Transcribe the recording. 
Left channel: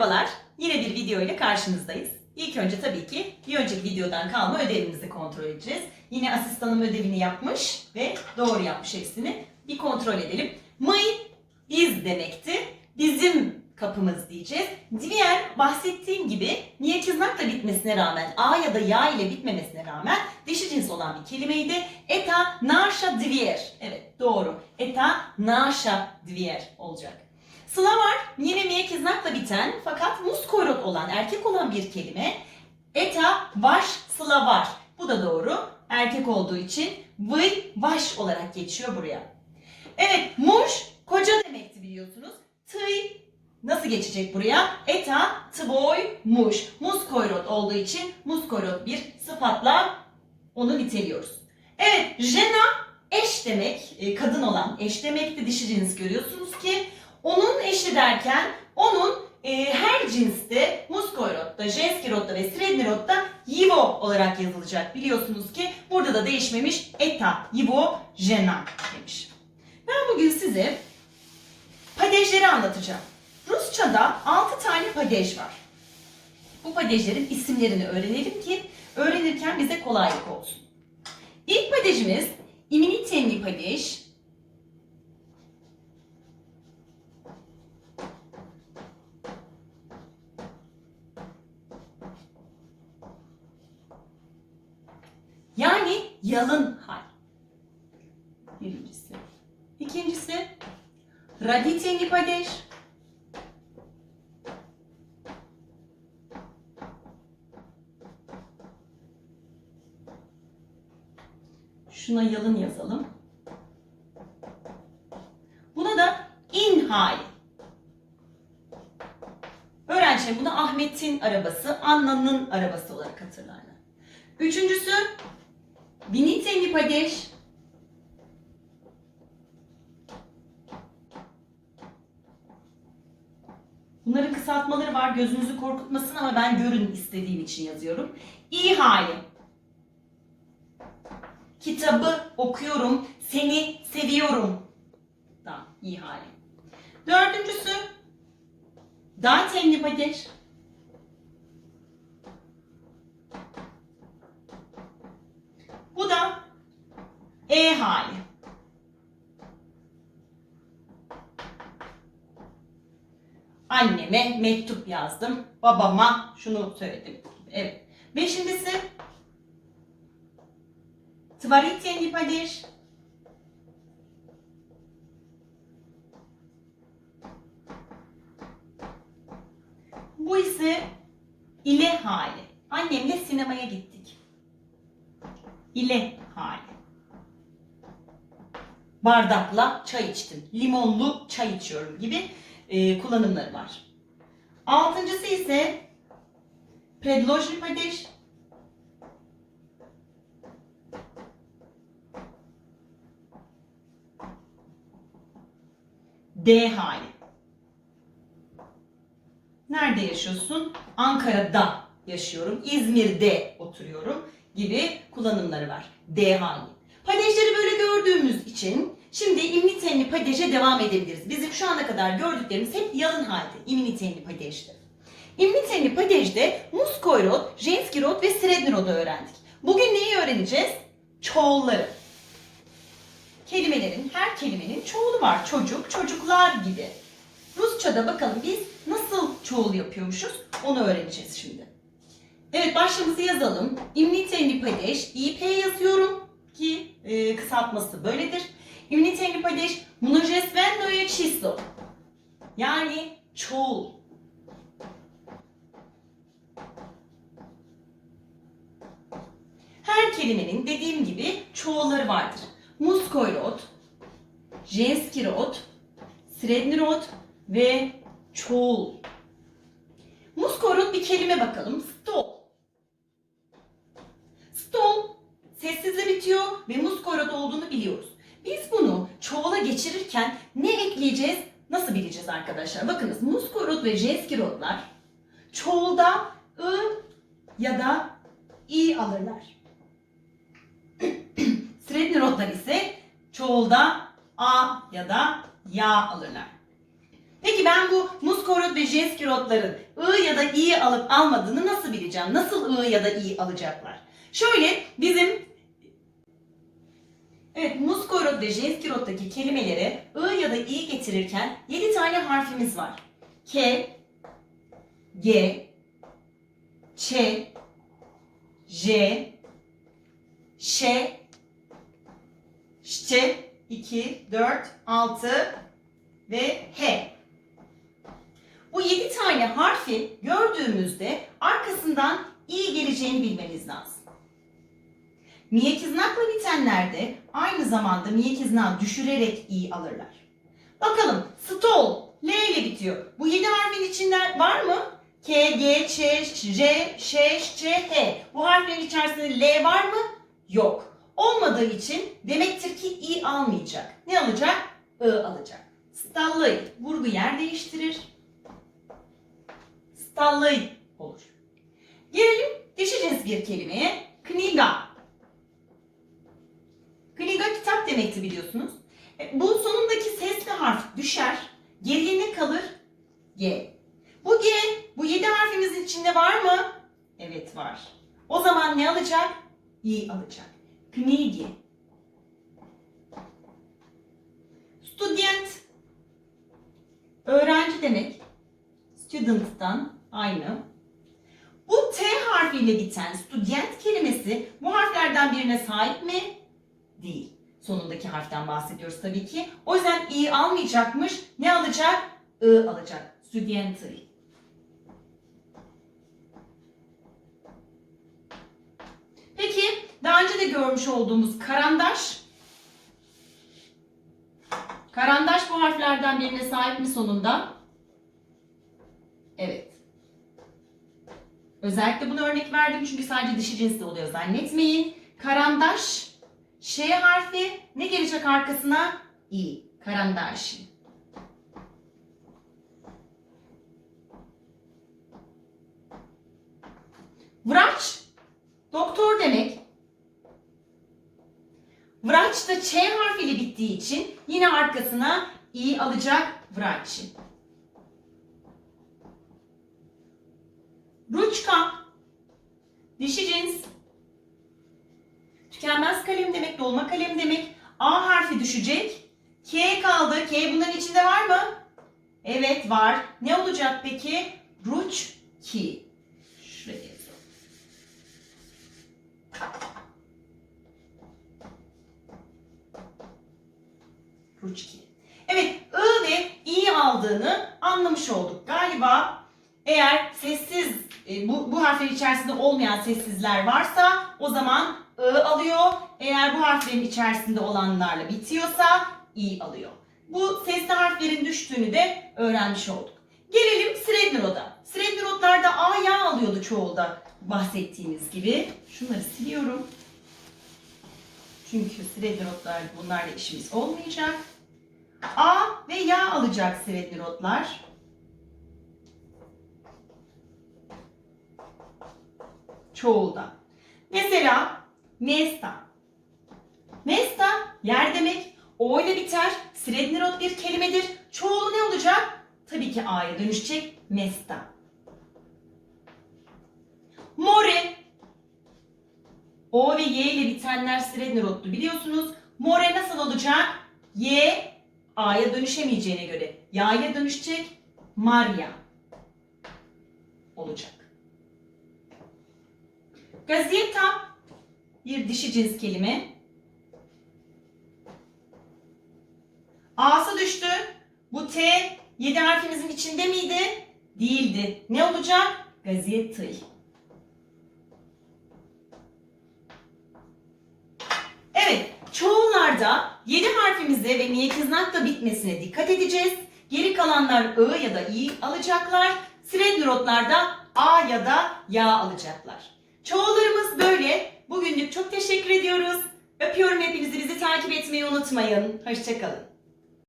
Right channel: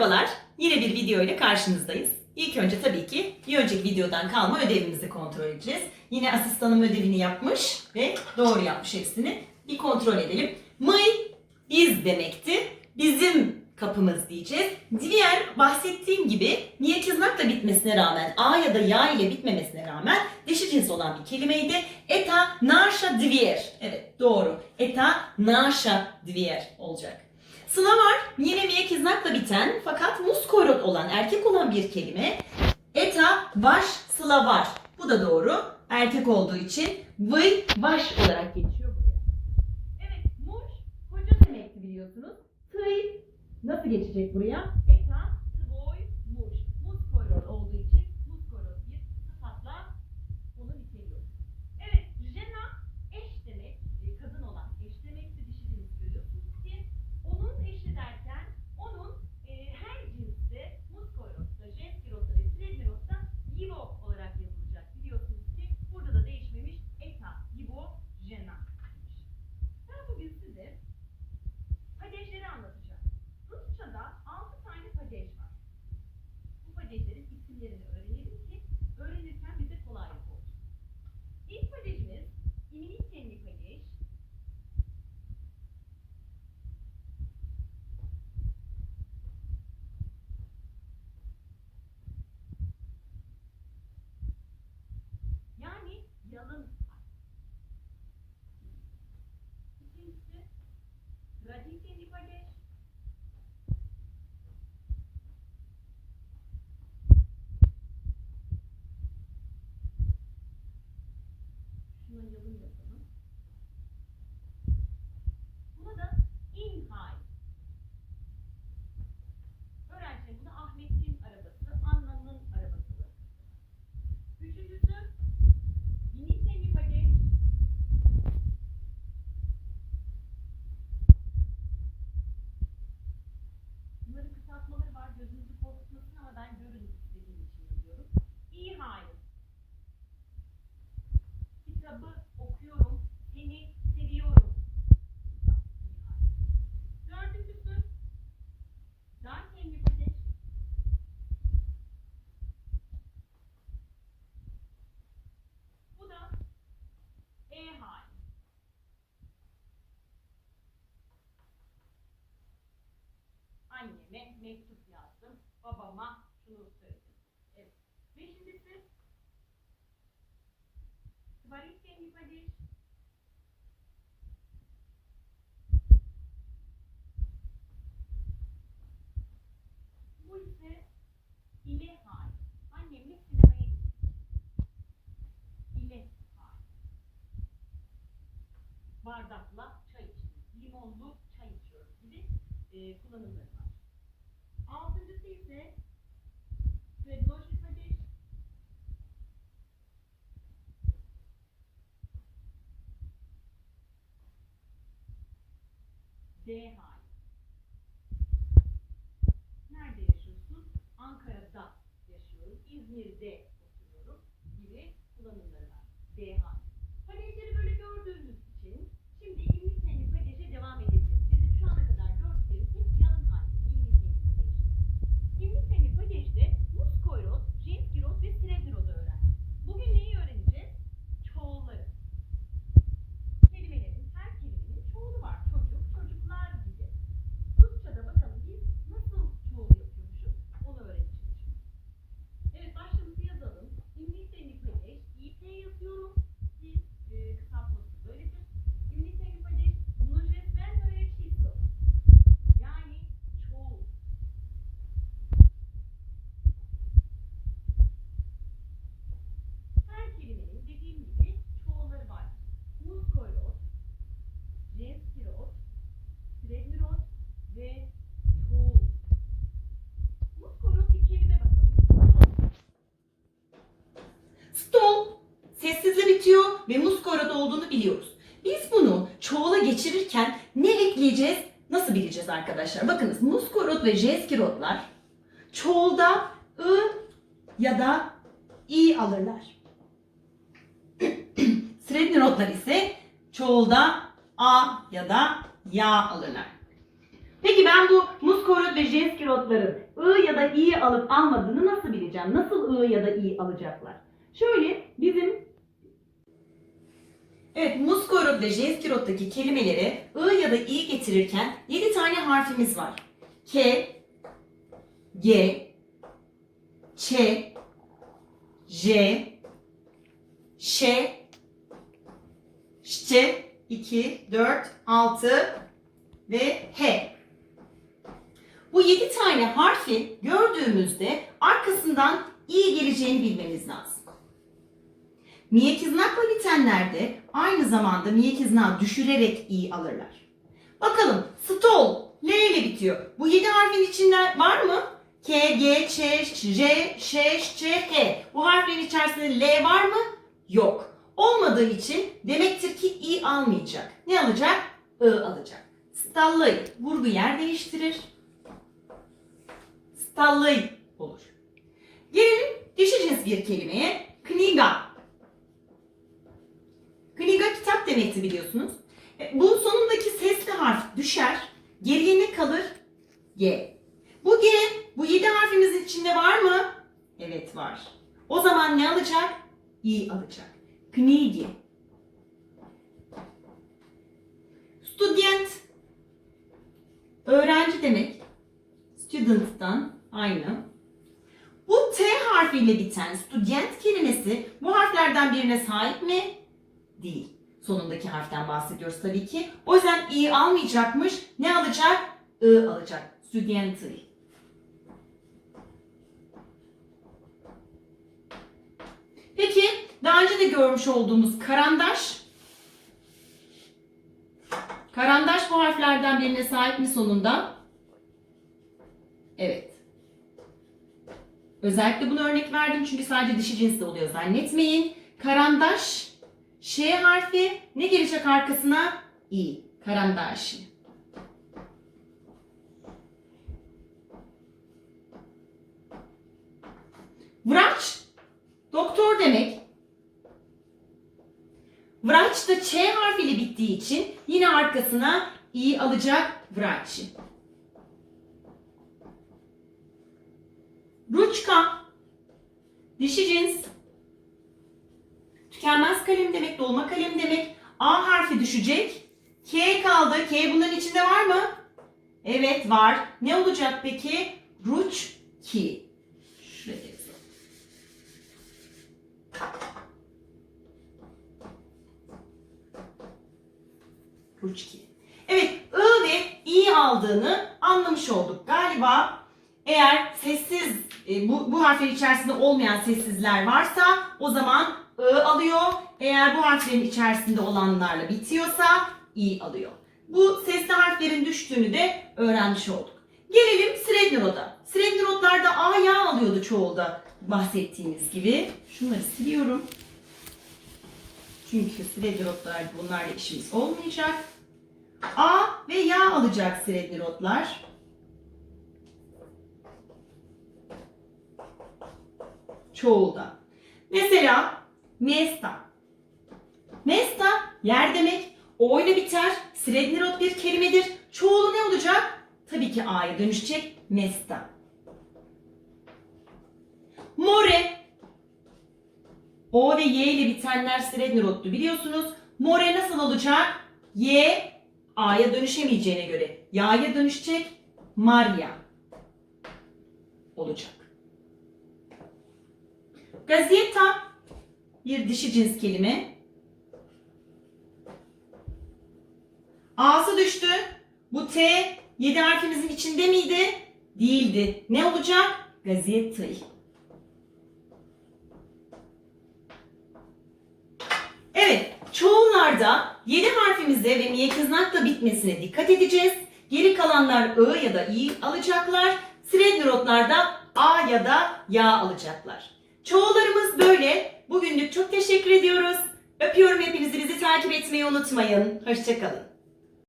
Merhabalar, yine bir video ile karşınızdayız. İlk önce tabii ki bir önceki videodan kalma ödevimizi kontrol edeceğiz. Yine asistanım ödevini yapmış ve doğru yapmış hepsini. Bir kontrol edelim. My, biz demekti. Bizim kapımız diyeceğiz. Diğer bahsettiğim gibi niye tırnakla bitmesine rağmen, a ya da ya ile bitmemesine rağmen dişi cins olan bir kelimeydi. Eta naşa dvier. Evet doğru. Eta naşa dvier olacak. Sıla var. Yine miye tırnakla biten fakat muskoyrot olan, erkek olan bir kelime. Eta vaş sıla var. Bu da doğru. Erkek olduğu için vıy vaş olarak geçiyor buraya. Evet muş koca demekti biliyorsunuz. Tıy nasıl geçecek buraya? Eta tvoy muş. Muskoyrot olduğu için muskoyrot bir sıfatla onu niteliyoruz. Evet jena eş demek, e, kadın olan eş demekti dişi cins görüyorsunuz ki onun eşi derken onun e, her cinste muskoyrotta, jenskirotta ve srednirotta yivo olarak yazılacak. Biliyorsunuz ki burada da değişmemiş eta, yivo, jena demiş. Ben bugün size padejleri anlatacağım. Rusçada 6 tane padej var. Bu padejlerin isimlerini öğrenelim ki öğrenirken bize kolaylık olsun. İlk padejimiz iminitenli padej. Yani yalın hal. Birincisi. İkincisi raditenli padej. Şuna yalın yazalım. Buna da in hali. Öğrenciler buna Ahmet'in arabası, Anna'nın arabası olarak hatırlarlar. Üçüncüsü Binitenli padej. Bunların kısaltmaları var. Gözünüzü korkutmasın ama ben görün istediğim için yazıyorum. İyi hali. Kitabı okuyorum. Seni seviyorum. Tamam, iyi hali. Dördüncüsü Dantenli padej. Bu da E hali. Anneme mektup yazdım. Babama şunu söyledim. Evet. Beşincisi Tvarityenli padej. Bu ise ile hali. Annemle sinemaya gittik. İle. Bardakla çay içtim. Limonlu çay içiyorum gibi e, kullanımları var. Altıncısı ise predložni padej. D hali. Nerede yaşıyorsun? Ankara'da yaşıyorum. İzmir'de oturuyorum gibi kullanımları var. D hali. Padejleri böyle gördüğümüz için şimdi imnitenli padeje devam edebiliriz. Bizim şu ana kadar gördüklerimiz hep yalın halde. İmnitenli padejde. İmnitenli padejde muskoyrot, jenskirot ve srednirod'u öğrendik. Bugün neyi öğreneceğiz? Çoğulları. Kelimelerin, her kelimenin çoğulu var. Çocuk, çocuklar gibi. Rusça'da bakalım biz nasıl çoğul yapıyormuşuz onu öğreneceğiz şimdi. Evet başlığımızı yazalım. İmnitenli padej, İP yazıyorum ki e, kısaltması böyledir. İmnitenli padej, množestvenoje číslo. Yani çoğul. Her kelimenin dediğim gibi çoğulları vardır. Muskoyrot, jenskirot, srednirot ve çoğul. Muskoyrot bir kelime bakalım. Stol. Stol sessizle bitiyor ve muskoyrot biliyoruz. Biz bunu çoğula geçirirken ne ekleyeceğiz? Nasıl bileceğiz arkadaşlar? Bakınız muskoyrot ve jenskirotlar çoğulda ı ya da i alırlar. Srednirotlar ise çoğulda a ya da ya alırlar. Peki ben bu muskorot ve jenskirotların I ya da İ'yi alıp almadığını nasıl bileceğim? Nasıl I ya da İ alacaklar? Şöyle bizim Evet, muskorot ve jenskirottaki kelimelere I ya da İ getirirken 7 tane harfimiz var. K, G, Ç, J, Ş, Ş, 2, 4, 6 ve H. Bu 7 tane harfi gördüğümüzde arkasından İ geleceğini bilmeniz lazım. Miyekiznakla bitenlerde aynı zamanda miyekiznağı düşürerek i alırlar. Bakalım stol L ile bitiyor. Bu 7 harfin içinde var mı? K, G, Ç, J, Ş, Ç, H. Bu harflerin içerisinde L var mı? Yok. Olmadığı için demektir ki i almayacak. Ne alacak? I alacak. Stallay vurgu yer değiştirir. Stallay olur. Gelelim dişi cins bir kelimeye. Demekti biliyorsunuz. E, Bu sonundaki sesli harf düşer. Geriye ne kalır? G. Bu G, bu yedi harfimizin içinde var mı? Evet var. O zaman ne alacak? İ alacak. Knigi. Student. Öğrenci demek. Student'tan aynı. Bu T harfiyle biten student kelimesi bu harflerden birine sahip mi? Değil. Sonundaki harften bahsediyoruz tabii ki. O yüzden i almayacakmış. Ne alacak? I alacak. Studentry. Peki daha önce de görmüş olduğumuz karandaş. Karandaş bu harflerden birine sahip mi sonunda? Evet. Özellikle bunu örnek verdim çünkü sadece dişi cinsde oluyor zannetmeyin. Karandaş, Ş harfi ne gelecek arkasına? İ. Karandaşı. Vraç, doktor demek. Vraç da Ç harfiyle bittiği için yine arkasına i alacak vraçı. Ruçka, dişi cins. Tükenmez kalem demek, dolma kalem demek. A harfi düşecek. K kaldı. K bunların içinde var mı? Evet var. Ne olacak peki? Ruç ki. Şuraya yazalım. Ruçki. Evet, I ve İ aldığını anlamış olduk. Galiba eğer sessiz, e, bu, bu harflerin içerisinde olmayan sessizler varsa o zaman I alıyor. Eğer bu harflerin içerisinde olanlarla bitiyorsa İ alıyor. Bu sesli harflerin düştüğünü de öğrenmiş olduk. Gelelim Srednirot'a. Srednirotlarda A ya alıyordu çoğulda bahsettiğimiz gibi. Şunları siliyorum. Çünkü Srednirotlar bunlarla işimiz olmayacak. A ve ya alacak Srednirotlar. Çoğulda. Mesela Mesta. Mesta yer demek. O ile biter. Srednirot bir kelimedir. Çoğulu ne olacak? Tabii ki A'ya dönüşecek. Mesta. More. O ve Y ile bitenler Srednirot'tu biliyorsunuz. More nasıl olacak? Y A'ya dönüşemeyeceğine göre Ya'ya dönüşecek. Maria olacak. Gazeta bir dişi cins kelime. A'sı düştü. Bu T 7 harfimizin içinde miydi? Değildi. Ne olacak? Gazete. Evet, çoğullarda 7 harfimize ve niyetiznakla bitmesine dikkat edeceğiz. Geri kalanlar I ya da İ alacaklar. Srednirotlarda A ya da Ya alacaklar. Çoğullarımız böyle. Bugünlük çok teşekkür ediyoruz. Öpüyorum hepinizi. Bizi takip etmeyi unutmayın. Hoşçakalın.